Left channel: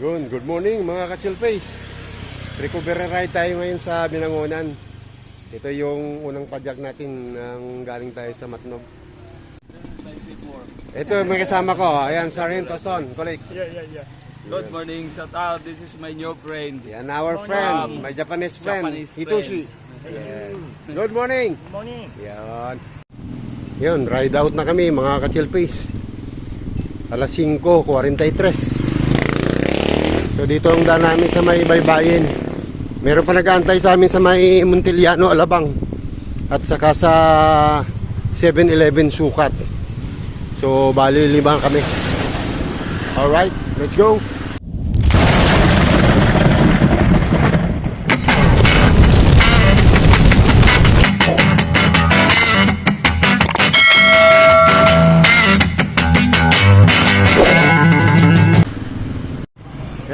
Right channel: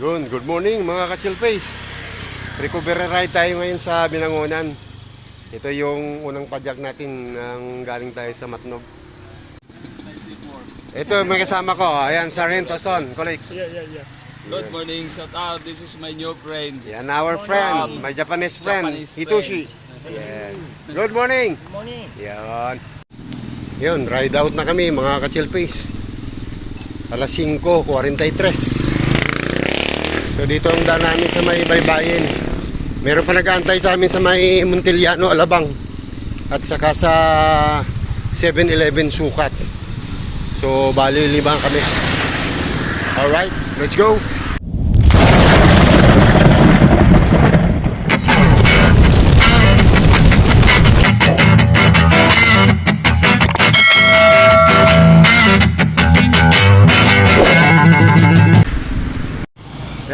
Yun, good morning mga ka-chill face. Recovery ride tayo ngayon sa Binangonan. Ito yung unang padyak natin nang galing tayo sa Matnog. Ito may kasama ko. Ayan, Sargento Son, colleague. Yeah, yeah, yeah. Good morning, shout out. This is my new friend. Yan, our friend, my Japanese friend, Japanese Hitoshi. Yan. Good morning. Good morning. Yan. Yun, ride out na kami mga ka-chill face. Alas 5.43. So dito ang daan namin sa may baybayin. Meron pa nag-aantay sa amin sa may Montiliano, Alabang. At saka sa 7-Eleven Sukat. So bali limang kami. Alright, let's go.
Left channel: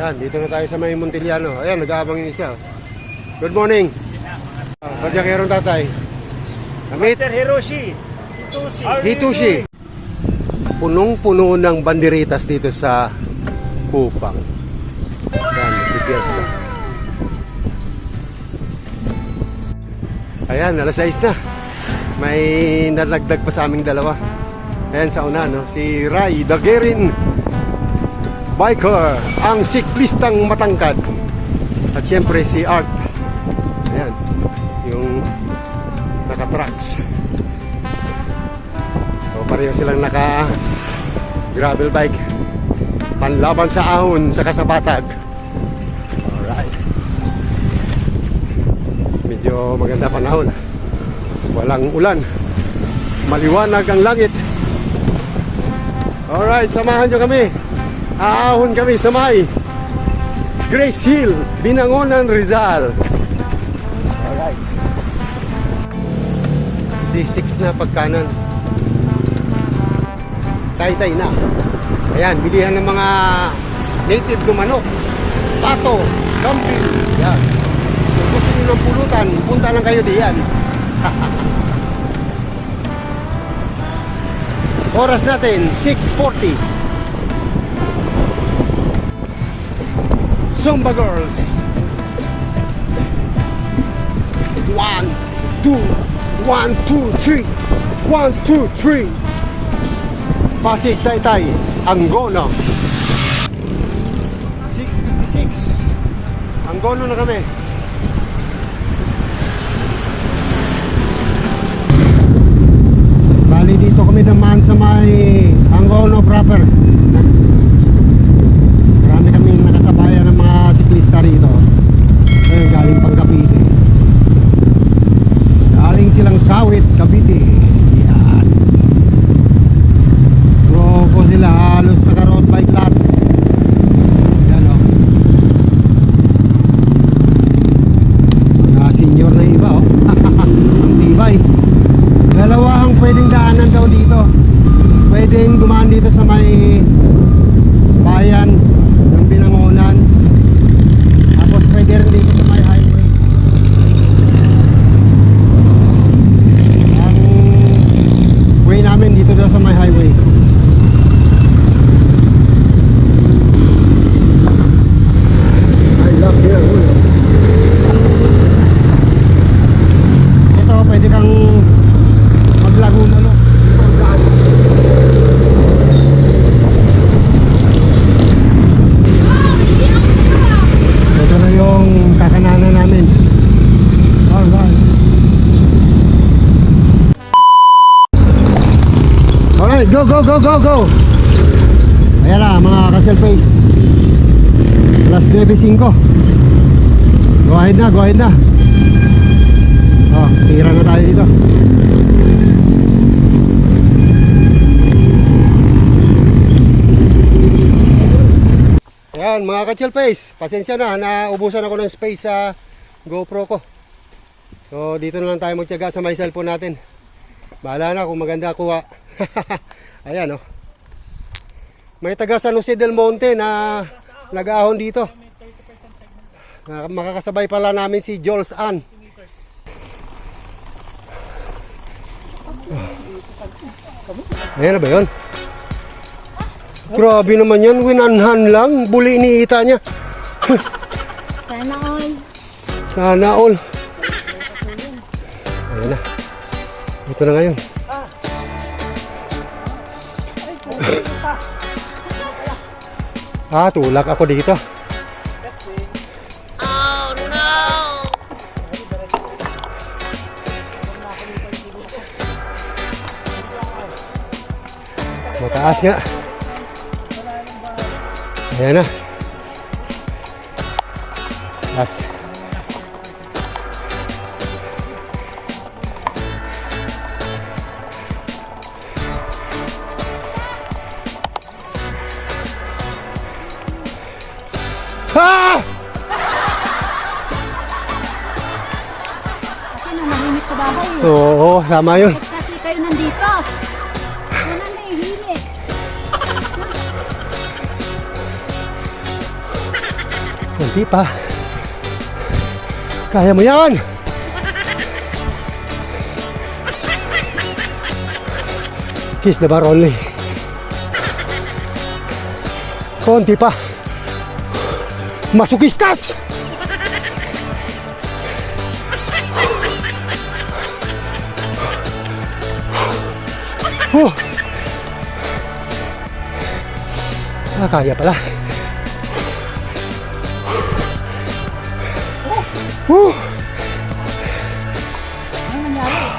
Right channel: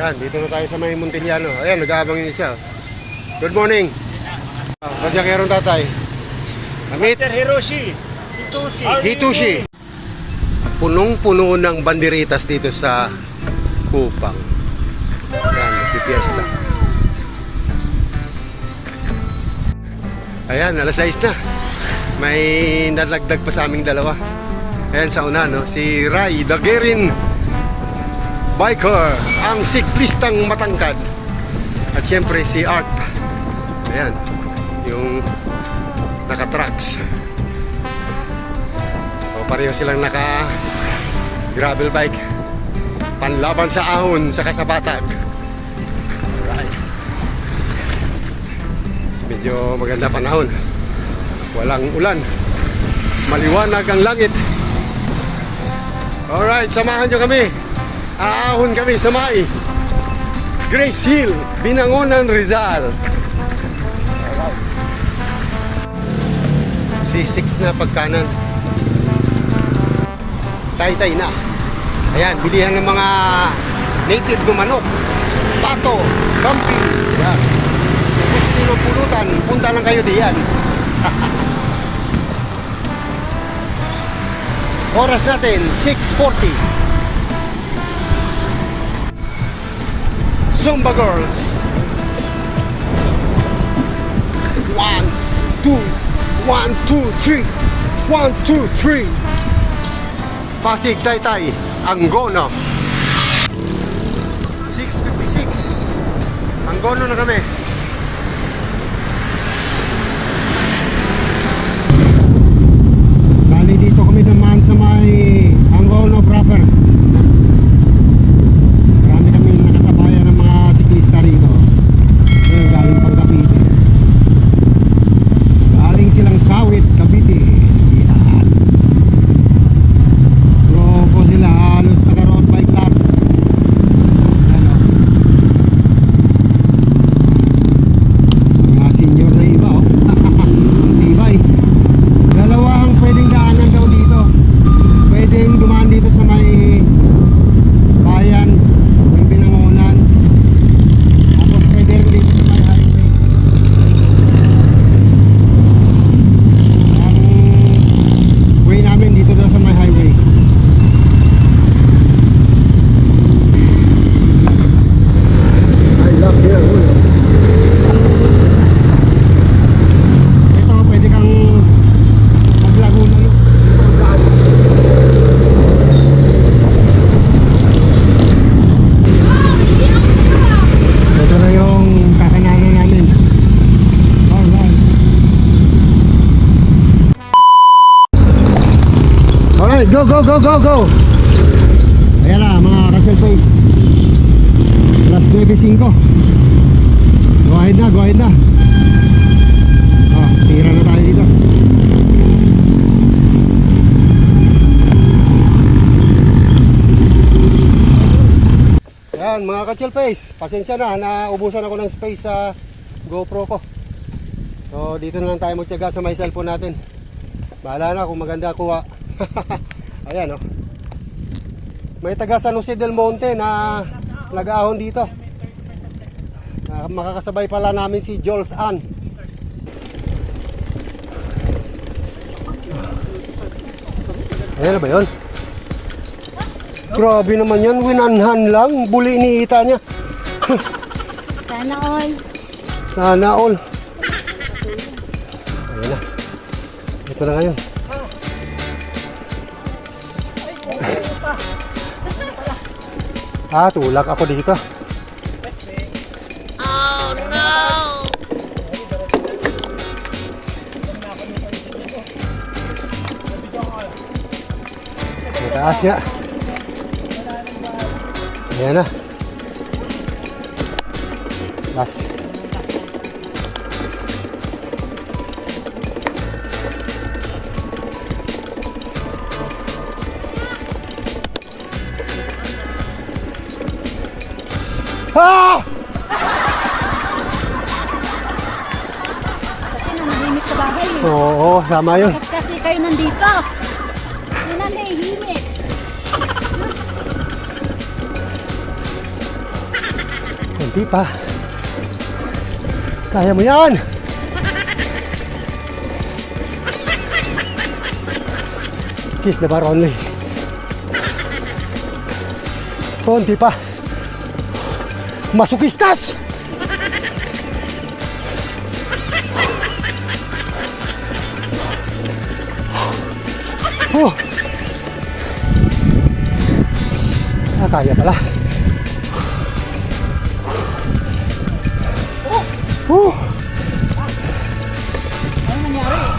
Yan, dito na tayo sa may Montiliano. Ayan, nag-aabang yun siya. Good morning. Uh, Kadyakerong tatay. Amit, Mr. Hiroshi. Hitoshi. Hitoshi. Punong-puno ng banderitas dito sa Kupang. Yan, di fiesta. Ayan, alas 6 na. May nalagdag pa sa aming dalawa. Ayan sa una, no? Si Rai Dagerin Biker, ang siklistang matangkad. At siyempre si Art. Ayan, yung naka-trucks. So pareho silang naka gravel bike. Panlaban sa ahon sa kasabatan. Alright. Medyo maganda panahon. Walang ulan. Maliwanag ang langit. Alright, samahan nyo kami. Aahon kami sa may Grace Hill, Binangonan, Rizal. Alright. C6 na pagkanan. Tay-tay na. Ayan, bilihan ng mga native gumanok. Pato, kampi. Ayan. Kung gusto niyo magpulutan, punta lang kayo diyan. Oras natin, 6.40. Zumba Girls. One, two, one, two, three. One, two, three. Pasig Taytay, Angono. 6.56. Angono na kami. Bali dito kami naman sa may Angono proper. Marami kami nakasabayan ng mga siklista rito. Ayun, galing pang Cavite. Galing silang Kawit, Cavite. Yan. Grupo sila halos naka-road bike lahat. Yan o. Mga senior na iba o. Ang tibay. Dalawa ang pwedeng daanan daw dito. Pwedeng dumaan dito sa may bayan ng Binangonan. Tapos pwede rin dito sa may highway. Ang way namin dito na sa may highway. I love Binangonan. Ito pwede kang maglagulo. Ito ang daan. Ito na yung kakananan namin. Alright. Alright, go, go! Ayan na, mga ka-cell face. Alas 9.05. Go ahead na, go ahead na. Oh, tira na tayo dito. Ayan, mga ka-chill face. Pasensya na, naubusan ako ng space sa GoPro ko. So, dito na lang tayo magtyaga sa may cellphone natin. Bahala na kung maganda kuha. Ayan, oh. May taga San Jose del Monte na nag-ahon dito. Na makakasabay pala namin si Jules Ann. Ayan na ba yun? Grabe naman yan, winanhan lang. Buli iniita niya. Sana all. Sana all. Ayan na. Ito na ngayon. Ah, tulak ako dito. Oh no! Mataas nga. Ayan na. Taas. Tama yun. Kasi kayo nandito? Una nahihimik. Hindi pa. Kaya mo yan! Kiss the bar only. Konti pa. Masukistats! Oh. Ah, kaya pala. Uh. Ano nangyari?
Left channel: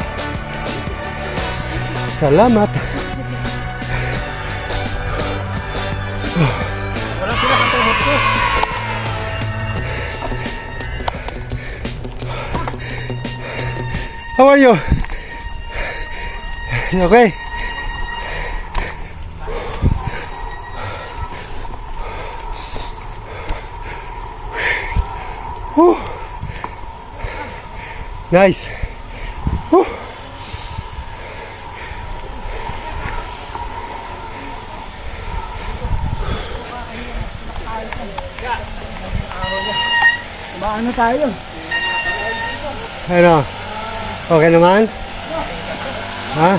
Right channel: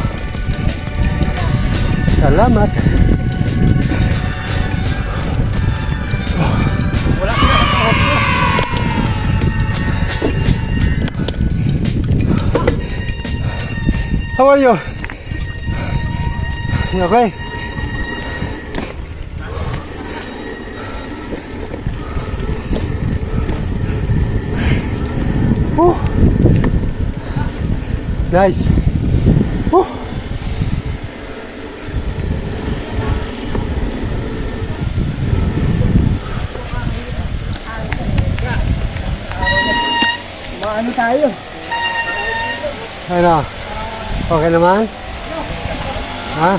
Salamat. How are you? You okay? Whew. Nice. Whew. Maano tayo? Ano? Okay naman? Ha?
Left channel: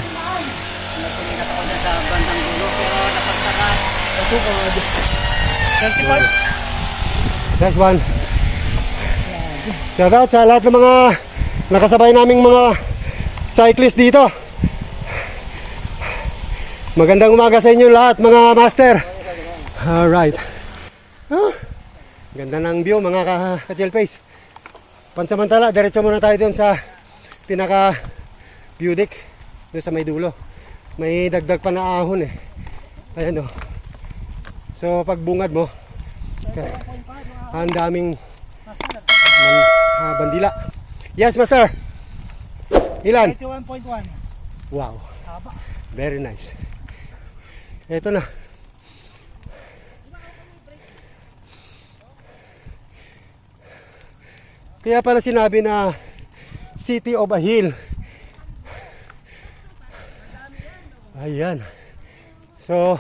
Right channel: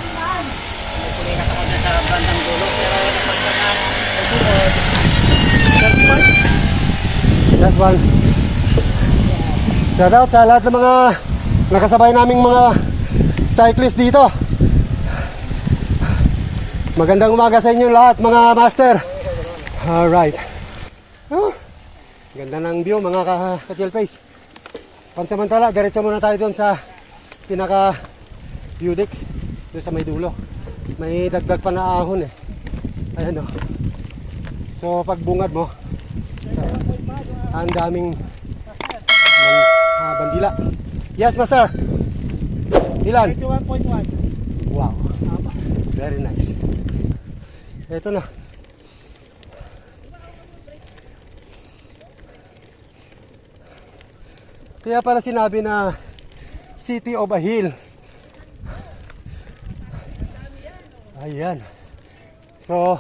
That's one. Shout out sa lahat ng mga nakasabay naming mga cyclist dito. Magandang umaga sa inyo lahat mga master. Alright. Huh. Ganda ng view mga ka- ka-chill face. Pansamantala, diretso muna tayo doon sa pinaka view deck doon sa may dulo. May dagdag pa na ahon eh. Ayan o. So pag bungad mo, ang daming bandila. Yes, master. Ilan? 1.1. Wow. Very nice. Ito na. Kaya pala sinabi na City of a Hill. Ayan. So,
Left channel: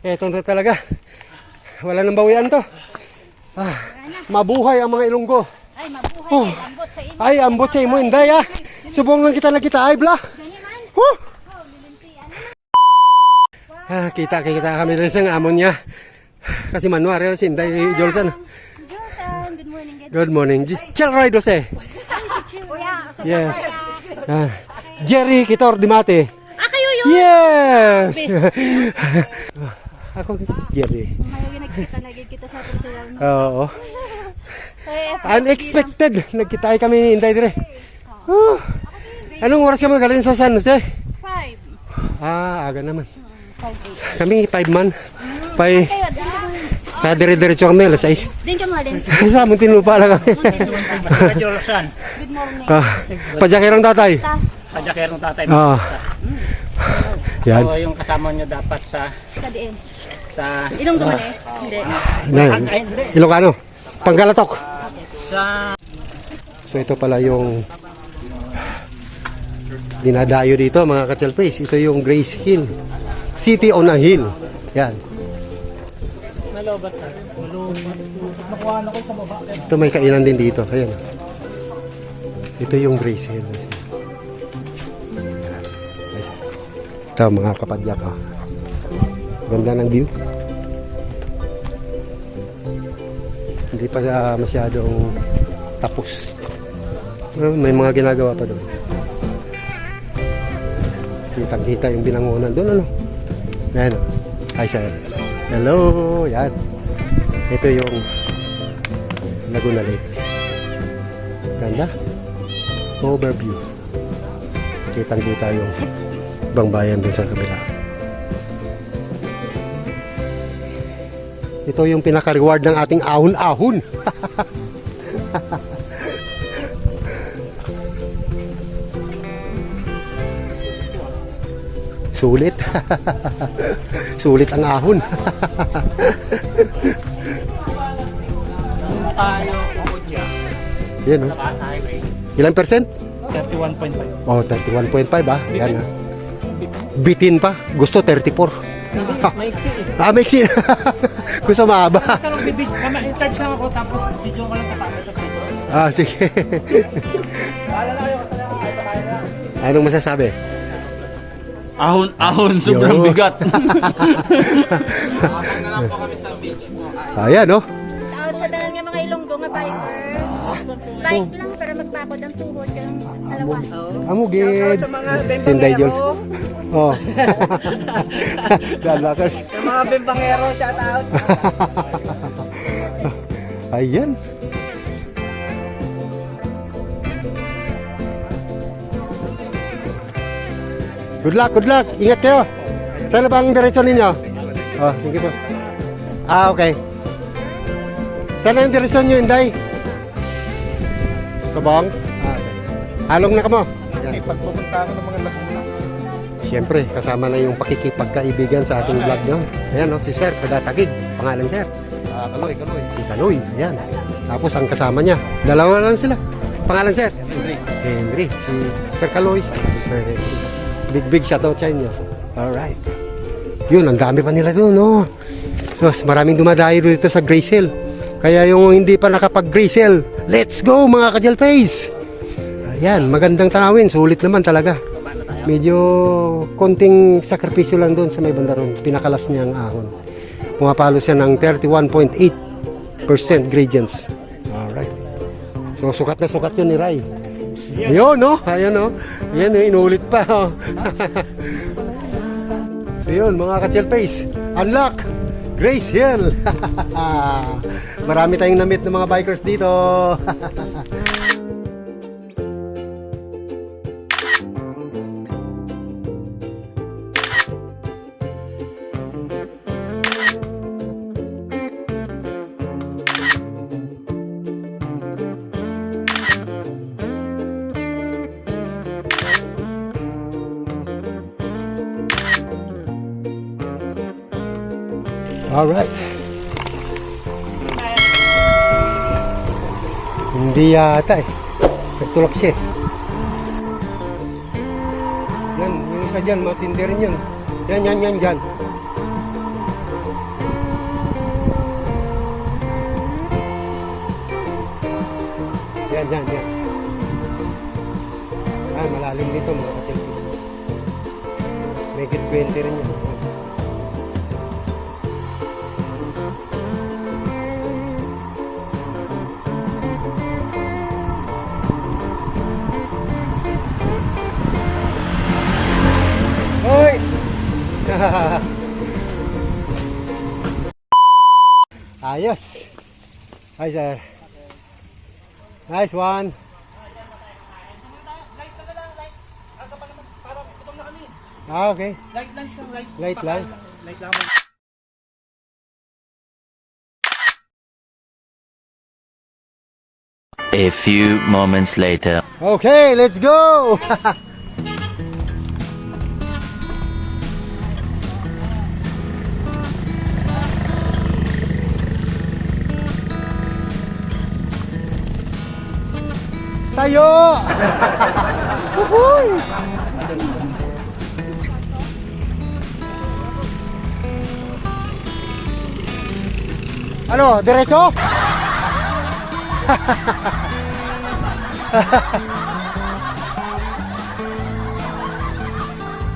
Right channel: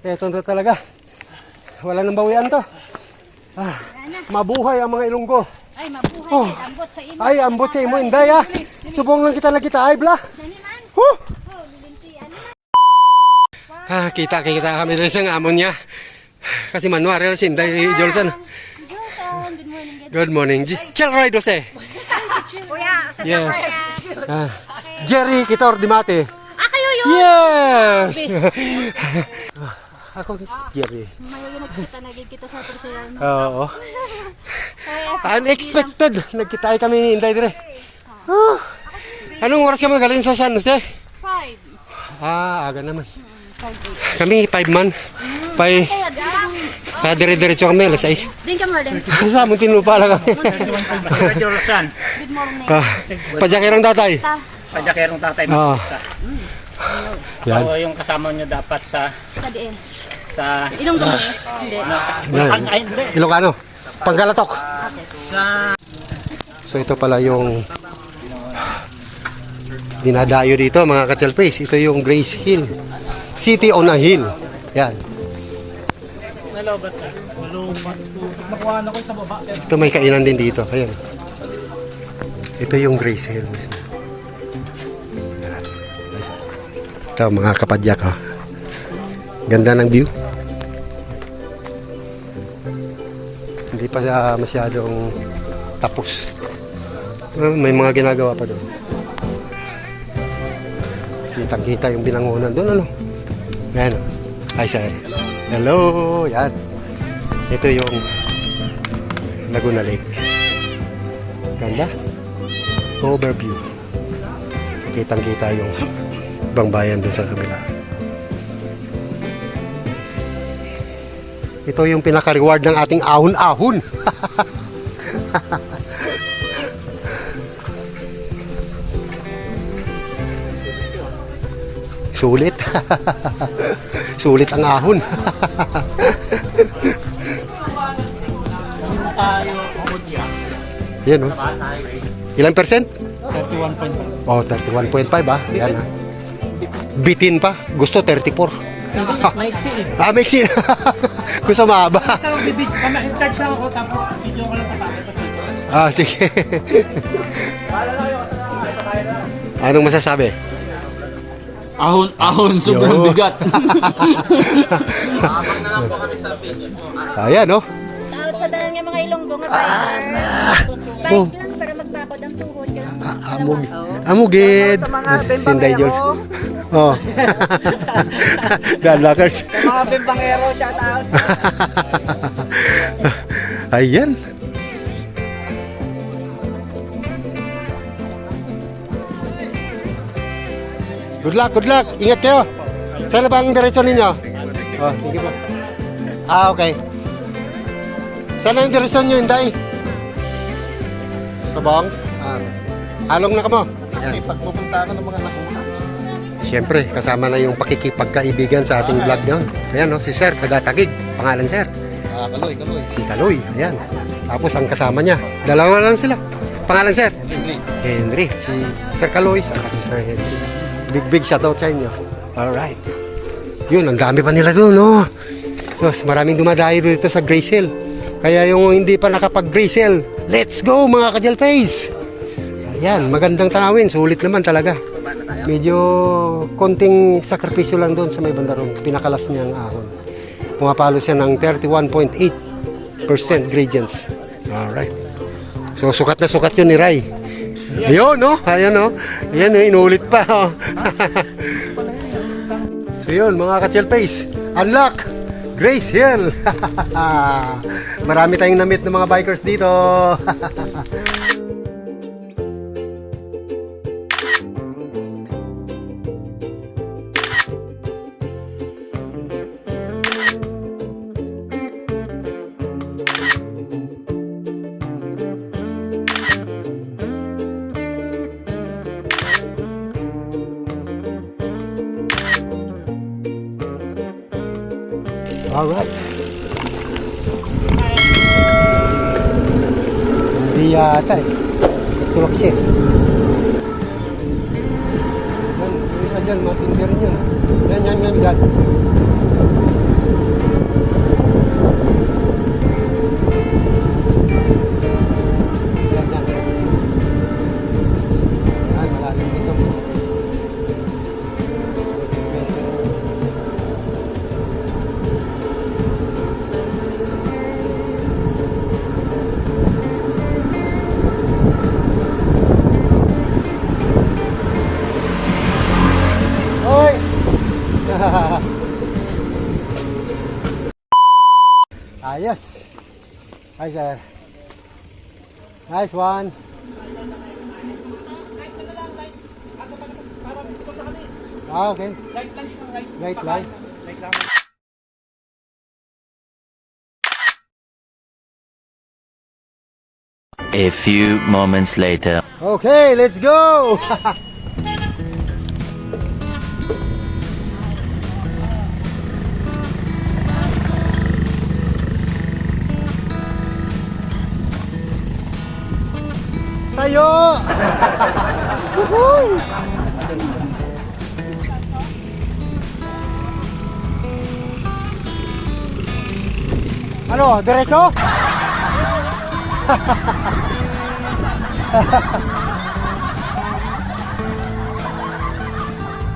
eto na talaga. Wala nang bawian to. Ah, mabuhay ang mga ilonggo. Ay, mabuhay. Oh. Ay, ambot sa inyo. Ay, ambot sa imo, inday ah. Subong lang kita na kita, ay bla. Woo! Oh. Ano? Ah, kita kita kami rin sa amon niya. Kasi manuari si Inday Jolson. Josan, good morning. Good morning. Chill ride ose. Kuya, sa Yes. Ah, Jerry Kitor Dimate. Ah, kayo yun. Yes! Ako si Jerry. Ngayon nagkita, nagkita sa personal. No? Oo. Kaya, Unexpected. Nagkita kami Inday dire. Ah. Anong oras kami galing sa San Jose? five. Ah, aga naman. Five, eight. Kami 5 man. Pay, mo. sa dire-diretso kami, alas 6. Din ka mo din. sa amin tinupa lang kami. Good morning. ah, pajakirong tatay. Ta, Kajakerong tatay mo. Ah. Yan. Oo, yung kasama nyo dapat sa sa diin. sa Ilong ko eh. Hindi. Panggalatok. So ito pala yung dinadayo dito mga ka-chelpace. Ito yung Grace Hill. City on a Hill. Yan. nalobat na. Nalobat. Makuha na ko sa baba. Ito may kainan din dito. Ayan. Ito yung Grace Hill mismo. Ito mga kapadyak. Oh. Ganda ng view. Hindi pa siya masyadong tapos. May mga ginagawa pa doon. Kitang-kita yung binangunan doon, ano? Yan. Hi, sir. Hello. Yan. Ito yung Laguna Lake. Ganda. Overview. Kitang-kita yung ibang bayan din sa kabila. Ito yung pinaka-reward ng ating ahon-ahon. Sulit. Sulit ang ahon. Tayo. Yan oh. Ilang percent? 31.5. Oh, 31.5 ah. Yan ah. Bitin pa. Gusto 34. Hindi, maiksi eh. Ah, maiksi. Gusto mahaba. Kasi ako bibid, charge lang ako tapos video ko lang tapos tapos dito. Ah, sige. Anong masasabi? Ahon, ahon, sobrang Yo. bigat. Ayan, oh. Out sa tanan nga mga ilonggo nga biker. Bike lang para magpapod ang tuhod ka ng Amog. Amugid. Sinday Jules. Oh. God Lockers. Mga bimbangero, shout out. Ayan. Good luck, good luck. Ingat kayo. Saan na ba ang diretso ninyo? Oh, sige po. Ah, okay. Saan na yung diretso nyo, Inday? Sabang? Ah. Along na ka mo. Yan. Pagpupunta ako ng mga nakuna. Siyempre, kasama na yung pakikipagkaibigan sa ating vlog ngayon. Ayan, no, si Sir, taga-tagig. Pangalan, Sir. Ah, kaloy, kaloy. Si Kaloy. Ayan. Tapos ang kasama niya. Dalawa lang sila. Pangalan, Sir? Henry. Henry. Si Sir Kaloy, saka si Sir Henry. Big, big shoutout sa inyo. Alright. Yun, ang dami pa nila doon, no? So, maraming dumadayo dito sa Grace Hill. Kaya yung hindi pa nakapag-Grace Hill, let's go mga ka Face! Ayan, magandang tanawin. Sulit naman talaga. Medyo konting sakripisyo lang doon sa may banda ron. Pinakalas niyang ahon. Pumapalo siya ng 31.8% gradients. Alright. So, sukat na sukat yun ni Rai. Ayun, no? Ayan, no? Ayan, eh, inulit pa, oh. so, yun, mga ka face Unlock! Grace Hill! Marami tayong namit ng mga bikers dito. Alright. Hindi yata eh. Nagtulak siya. eh. Yan, yung isa dyan, matindi rin. Yan, yan, yan, yan. Yan, Ayos. Hi, sir. Nice one. Ah, okay. Light lang siya, light. Light lang. Light lang. A few moments later. Okay, let's go! ano, diretso?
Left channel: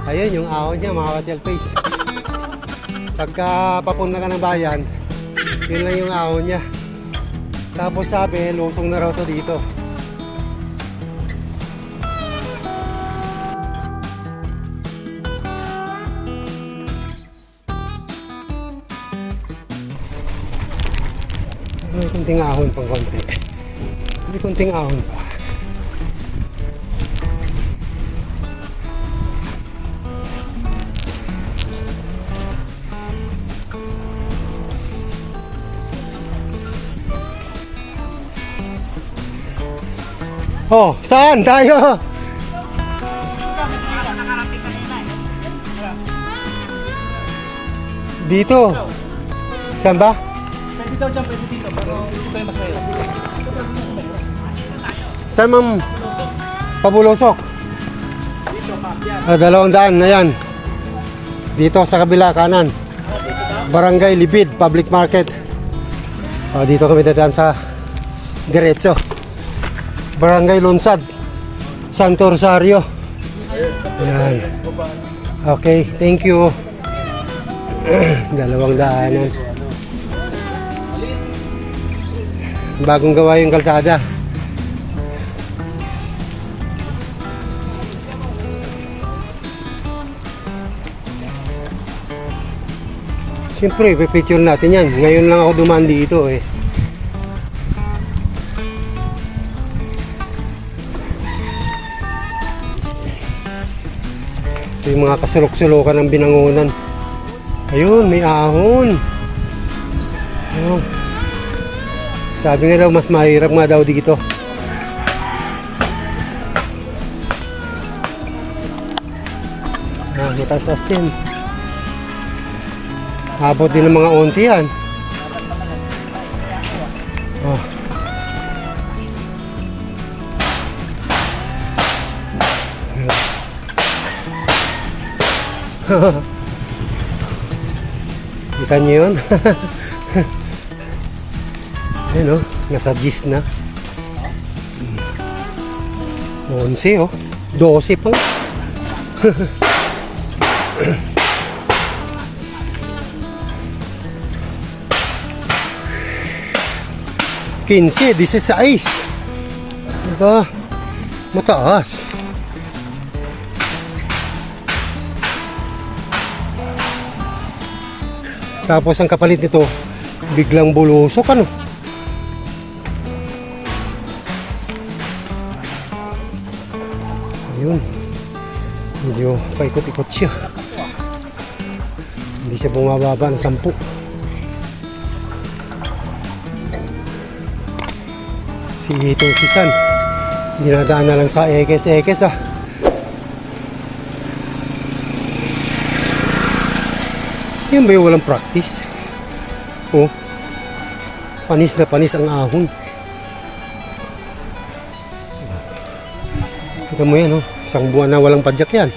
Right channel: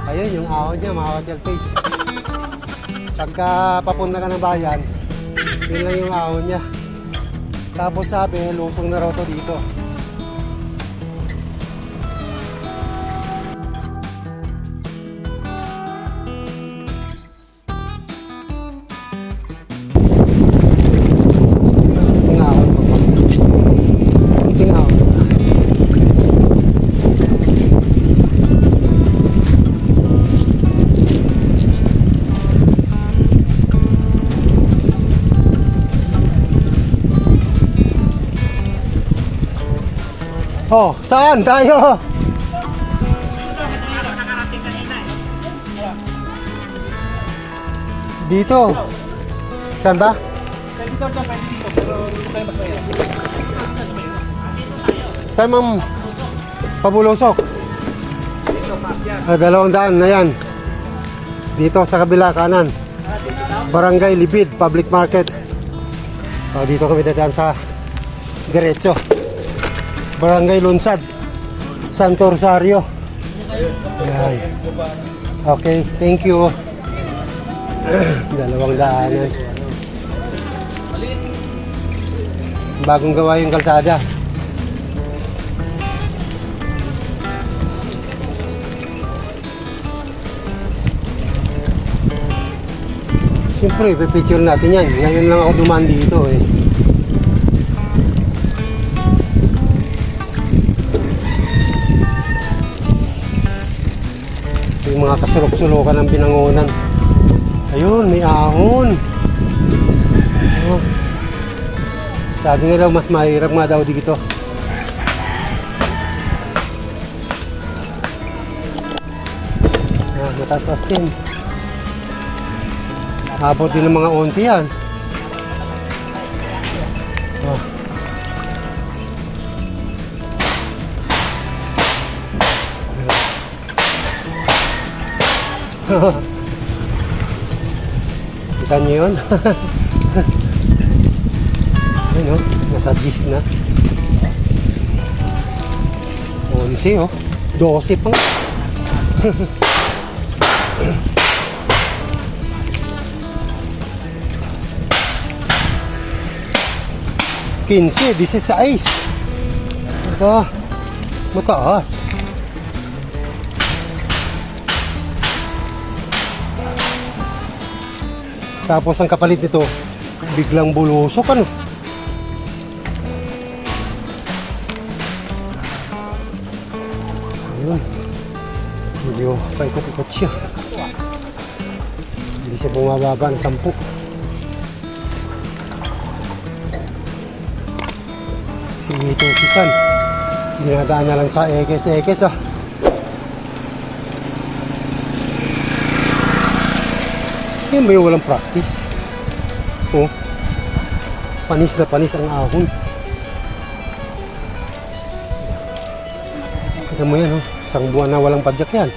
Ayun yung ahon niya mga hotel face. Pagka papunta ka ng bayan, yun lang yung ahon niya. Tapos sabi, lusong na raw to dito. Oh, saan tayo? Dito. Saan ba? Pwede daw pwede dito, pero dito tayo masaya. Saan mong pabulosok? Ah, dalawang daan na yan. Dito sa kabila kanan. Barangay Libid Public Market. Ah, dito kami dadaan sa diretso. Barangay Lunsad. Santo Rosario. Ay. Okay, thank you. Dalawang daanan. Bagong gawa yung kalsada. Siyempre, pipicture natin yan. Ngayon lang ako dumaan dito eh. Yung mga kasulok-sulokan ng binangonan. Ayun, may ahon. Oh. Sabi nga daw, mas mahirap nga daw dito. Ah, mataas-taas din. Abot din ng mga 11 yan. Kita niyo yun? Ayun o, nasa gis na. 11 oh. 12 pa. 15, 16. Diba? Mataas. Tapos ang kapalit nito, biglang bulusok ano. Ayun. Medyo paikot-ikot siya. Hindi siya bumababa ng sampu. Si Itong Sisan. Dinadaan na lang sa ekes-ekes ah. Yan ba yung walang practice? Oh. Panis na panis ang ahon. Ito mo yan, oh. Isang buwan na walang padyak yan.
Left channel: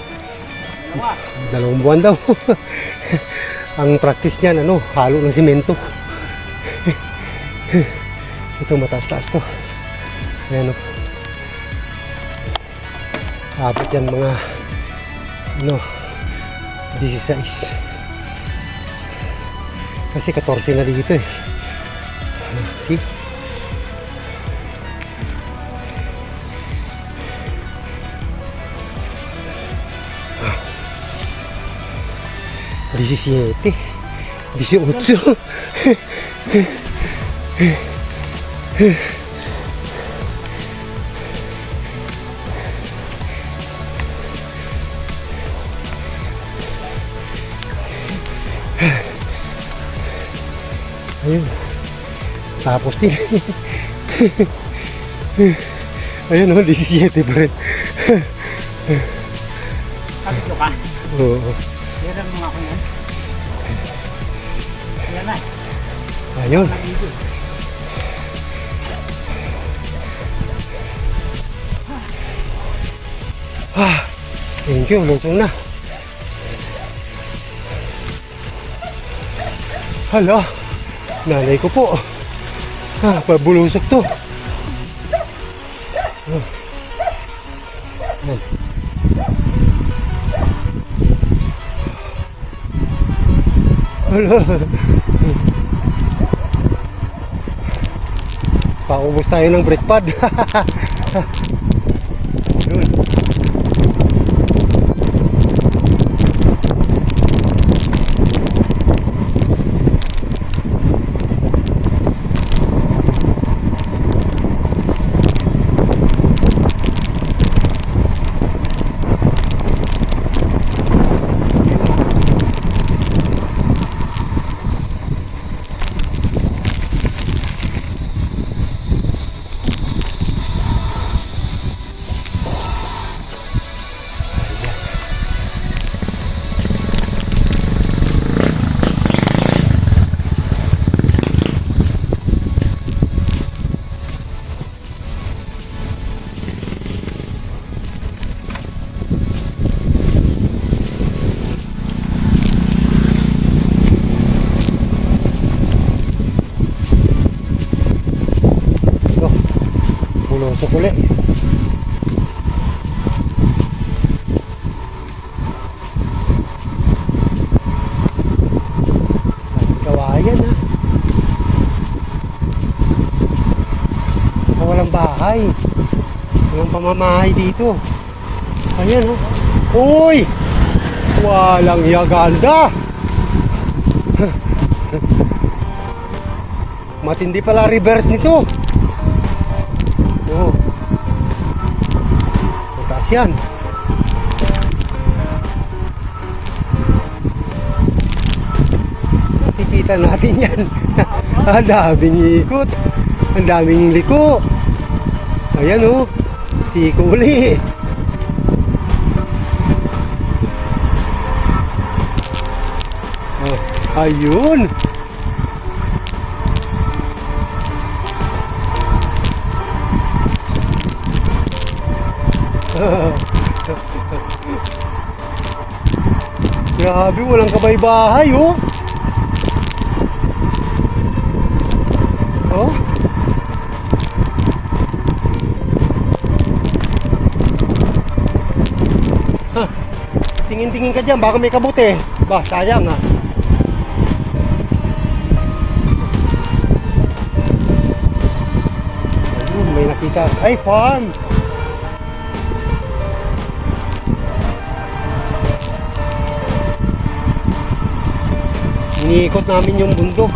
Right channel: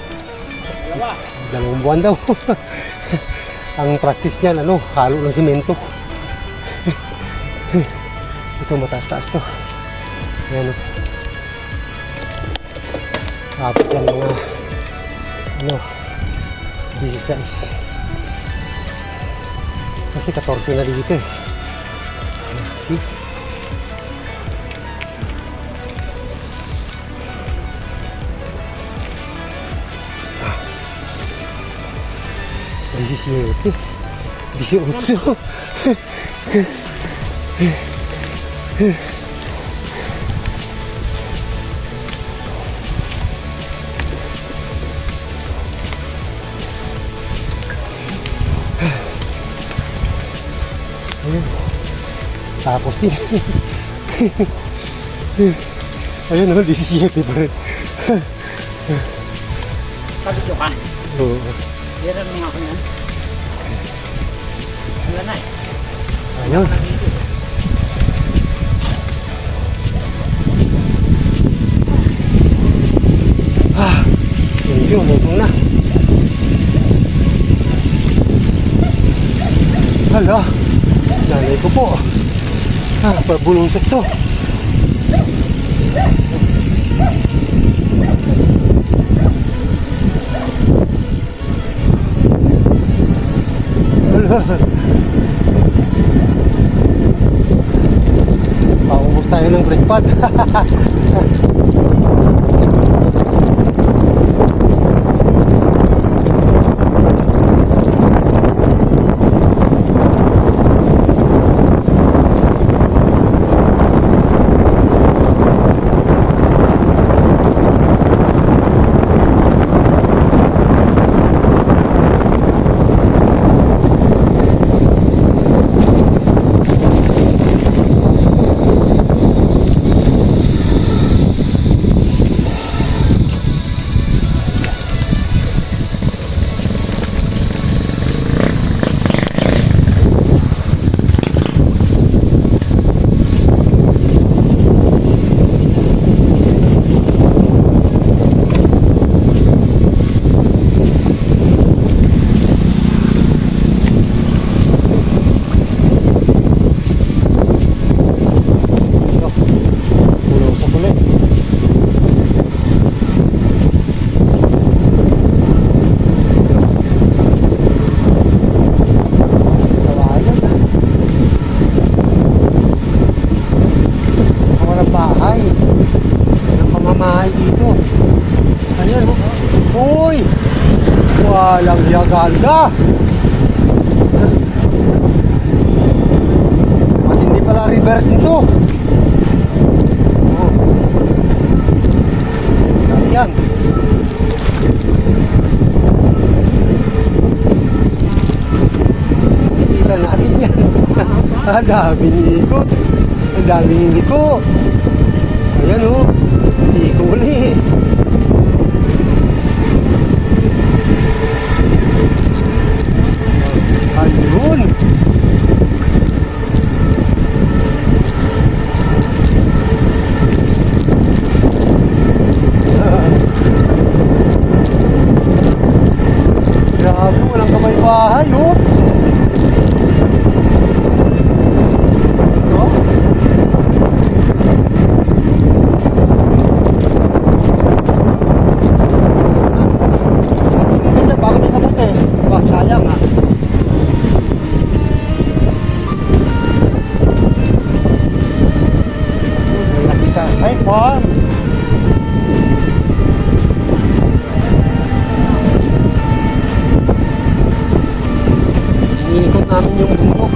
Dalawang buwan daw. ang practice niyan, ano, halo ng simento. Ito mataas-taas to. Ayan, oh. Abot yan mga, ano, 16. Kasi 14 na dito eh. See? Disisiete. Disiotso. Tapos din. Ayun naman, 17 pa rin. Sabi ko ka, Oo. hiram mo ako yan. Wala na eh. Ayaw. Ah, Thank you, mansong na. Hala, nanay ko po. Ah, pabulusok to. Nagbukas tayo ng brake pad. Bulusok ulit. Kawayan ah. Baka walang bahay. Walang pamamahay dito. Ayan oh. Uy! Yaganda. Matindi pala reverse nito. Oo. Taas yan. Kikita natin yan. Ang daming ikot. Ang daming liko. Ayan o. Siko uli. Ayun. Grabe, walang kabay-bahay. Oh. Nakita. Ay, pan! Iniikot namin yung bundok.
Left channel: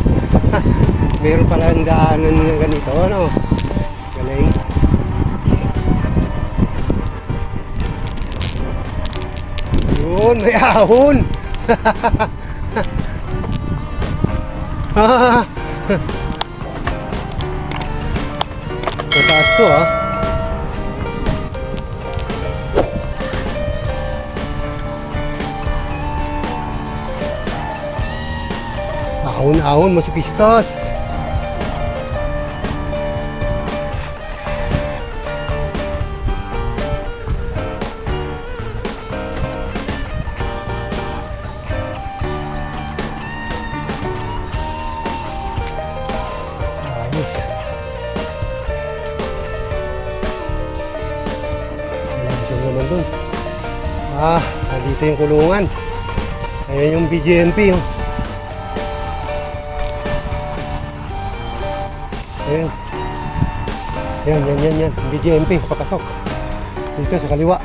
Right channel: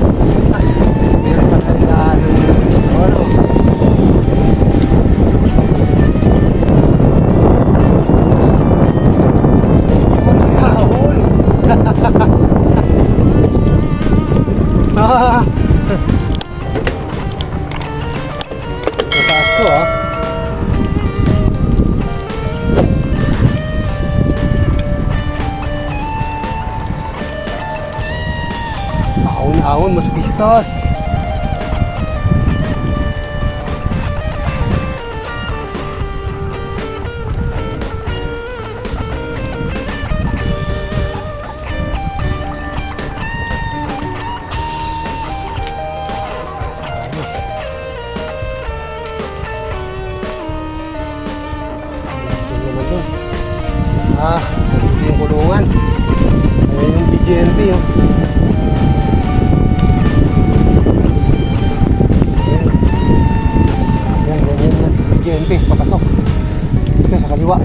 Meron pala ang daanan ng ganito. Ano? Okay. Yun, may ahon. Mataas mo naman doon. Ah, nandito yung kulungan. Ayan yung BGMP. Yung BGMP, papasok. Dito sa kaliwa.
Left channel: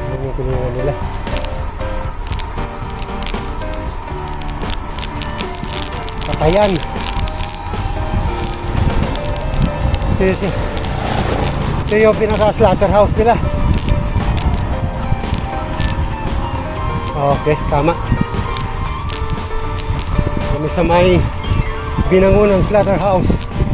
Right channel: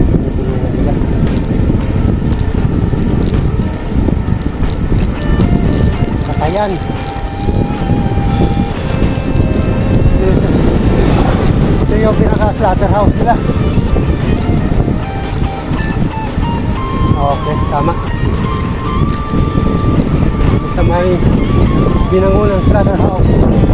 Yan yung tulungan nila. Patayan. Ito yung, ito yung pinaka-slaughterhouse nila. Okay, tama kami sa may binangunang slaughterhouse.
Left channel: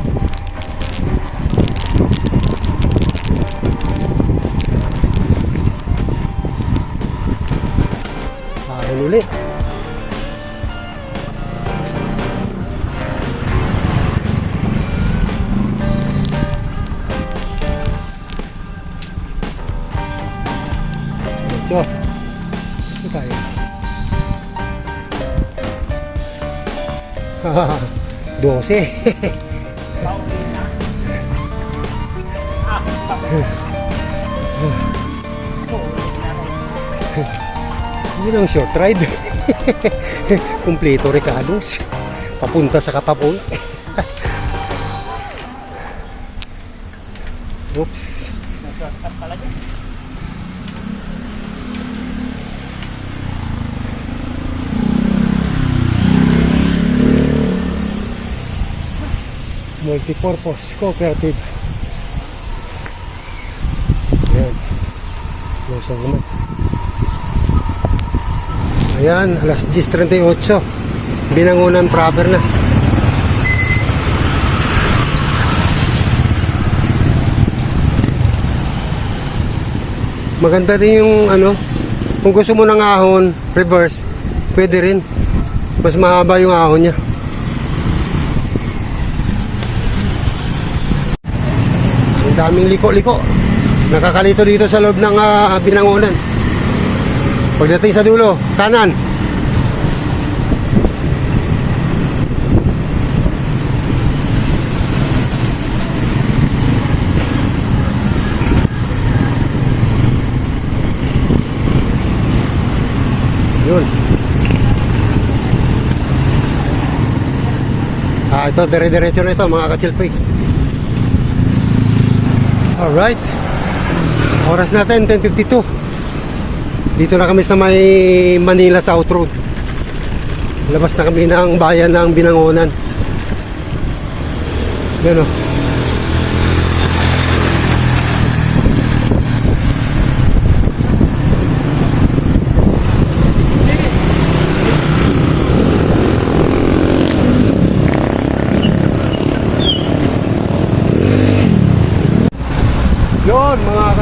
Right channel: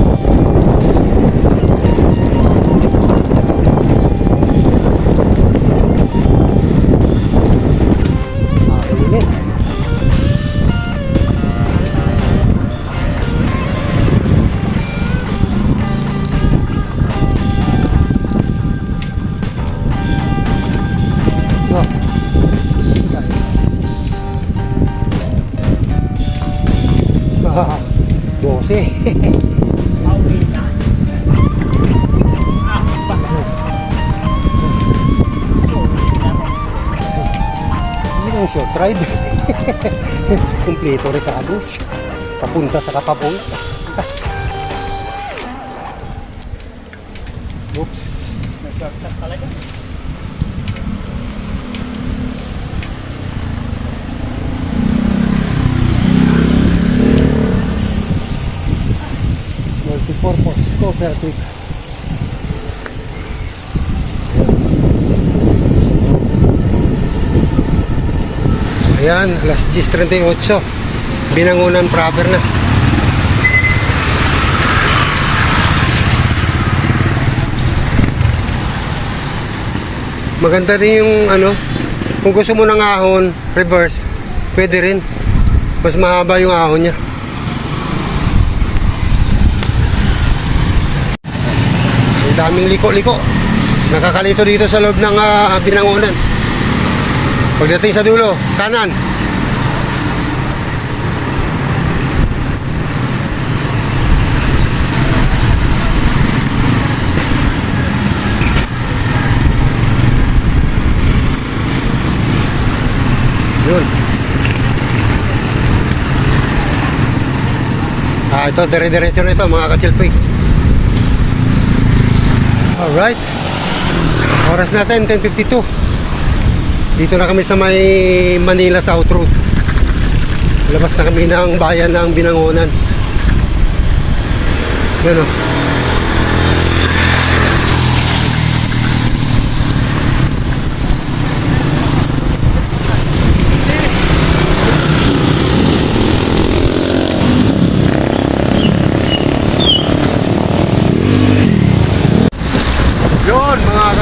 Dose. Hindi lang short ride. Kompleto Ricardo's. papunta sa Kapapul. Oops. Multipurpose cooperative. Ayan. Ayan, alas 10.38. Binangunan proper na. Maganda din yung ano, kung gusto mo ng ahon, reverse, pwede rin. Mas mahaba yung ahon niya. Ang daming liko-liko. Nakakalito dito sa loob ng ah, binangunan. Pagdating sa dulo, kanan. Yun. Ah, ito, dire-diretso na ito, mga ka-chill face. Alright. Oras natin, 10.52. Dito na kami sa may Manila South Road. Labas na kami ng bayan ng Binangonan. Yan o.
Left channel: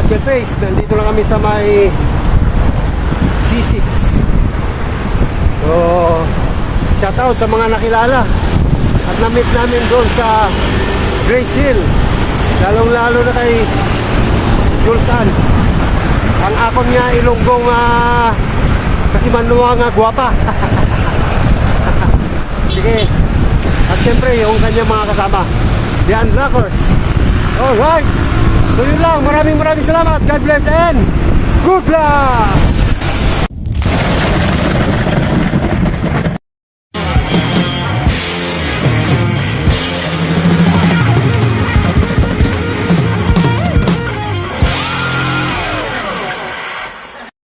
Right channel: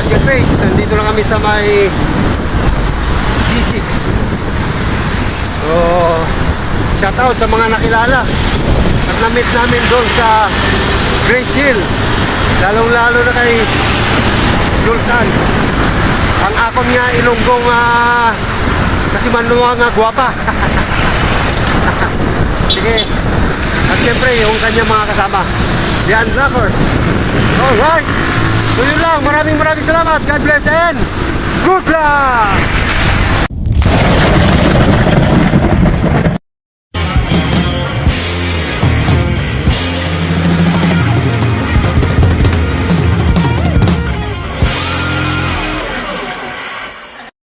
Ka-face, nandito na kami sa may C6. So, shout out sa mga nakilala. At na-meet namin doon sa Grace Hill. Lalong-lalo na kay Julsan. Ang akon nga ilonggong uh, kasi manuwa nga gwapa. Sige. At syempre, yung kanyang mga kasama. The Unlockers. Alright. So yun lang. Maraming maraming salamat. God bless and good luck!